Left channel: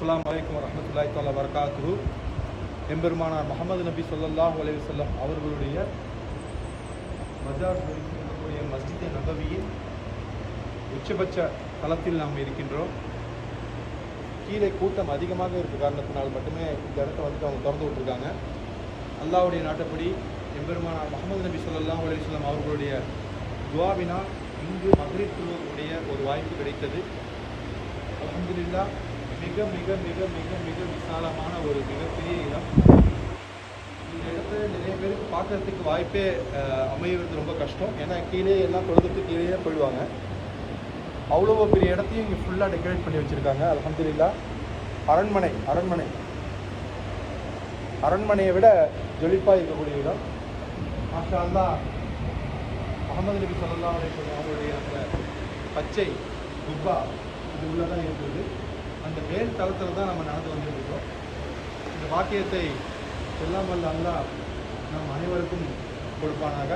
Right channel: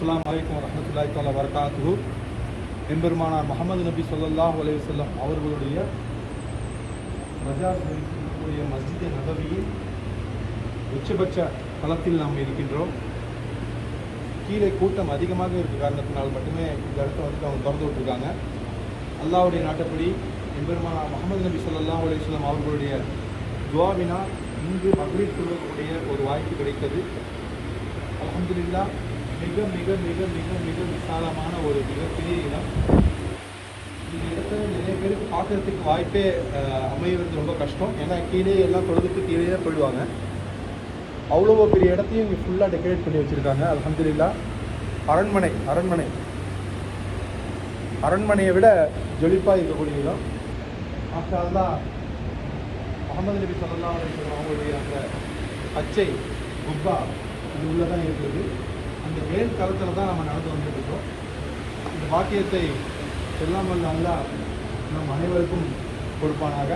அஸ்ஸலாமு அலைக்கும் வரஹ்மத்துல்லாஹி தஆலா வபரகாத்துஹு. எம்பெருமானார் முஹம்மது நபி ஸல்லல்லாஹு அலைஹி வஸல்லம் அவர்களுடைய மஜார் இருக்கக்கூடிய மஸ்ஜித் நபவியின் உச்சபட்ச தளத்தில் நாம் இருக்கின்றோம். கீழே கூட்டம் அதிகமாக இருக்க காரணத்தினால் மட்டுமே இந்த இடத்த அவங்க திறந்து விட்டுருக்காங்க. அல்லாஹ்வுடைய நாட்டப்படி எம்பெருமானார் முஹம்மது நபி ஸல்லல்லாஹு அலைஹி வஸல்லம் அவர்களுடைய துஆவினா இங்கு மக்ரிப் தொழுவக்கூடிய ஒரு வாய்ப்பு கிடைத்தது. அல்ஹம்துலில்லாஹ். மிக மிக மிக மிக மிக விசாலமான ஒரு மிகப்பெரிய இடம். இந்த இடத்த நிறைய பேருக்கு பார்க்கறதுக்கு வாய்ப்பே அமைவது ரொம்ப கஷ்டம். ஏன்னா கீழே எல்லாம் தொழுதுக்கு கீழே போயிடுவாங்க. அவ்வளோ பெரிய இடத்தையும் இங்கே ஃபுல்லாக டெக்கரேட் பண்ணி வச்சுருக்காங்க. அல்ஹம்துலில்லாஹ். அரண்மனையை விட ஜொலிப்பாக இருக்கக்கூடிய இடம். மாஷா அல்லாஹ். முஹம்மது நபி ஸல்லல்லாஹு அலைஹி வஸல்லம் அவங்களுடைய அந்த பச்சை குப்பா இது உள்ளதான் இருக்குது. அந்த மேல் தளத்தில் தான் நம்ம நடந்து வந்துருக்கோம். இந்த பாக்கியத்தை எல்லாம் வல்ல அல்லாஹ் நம் அனைவருக்கும் கொடுப்பானாக.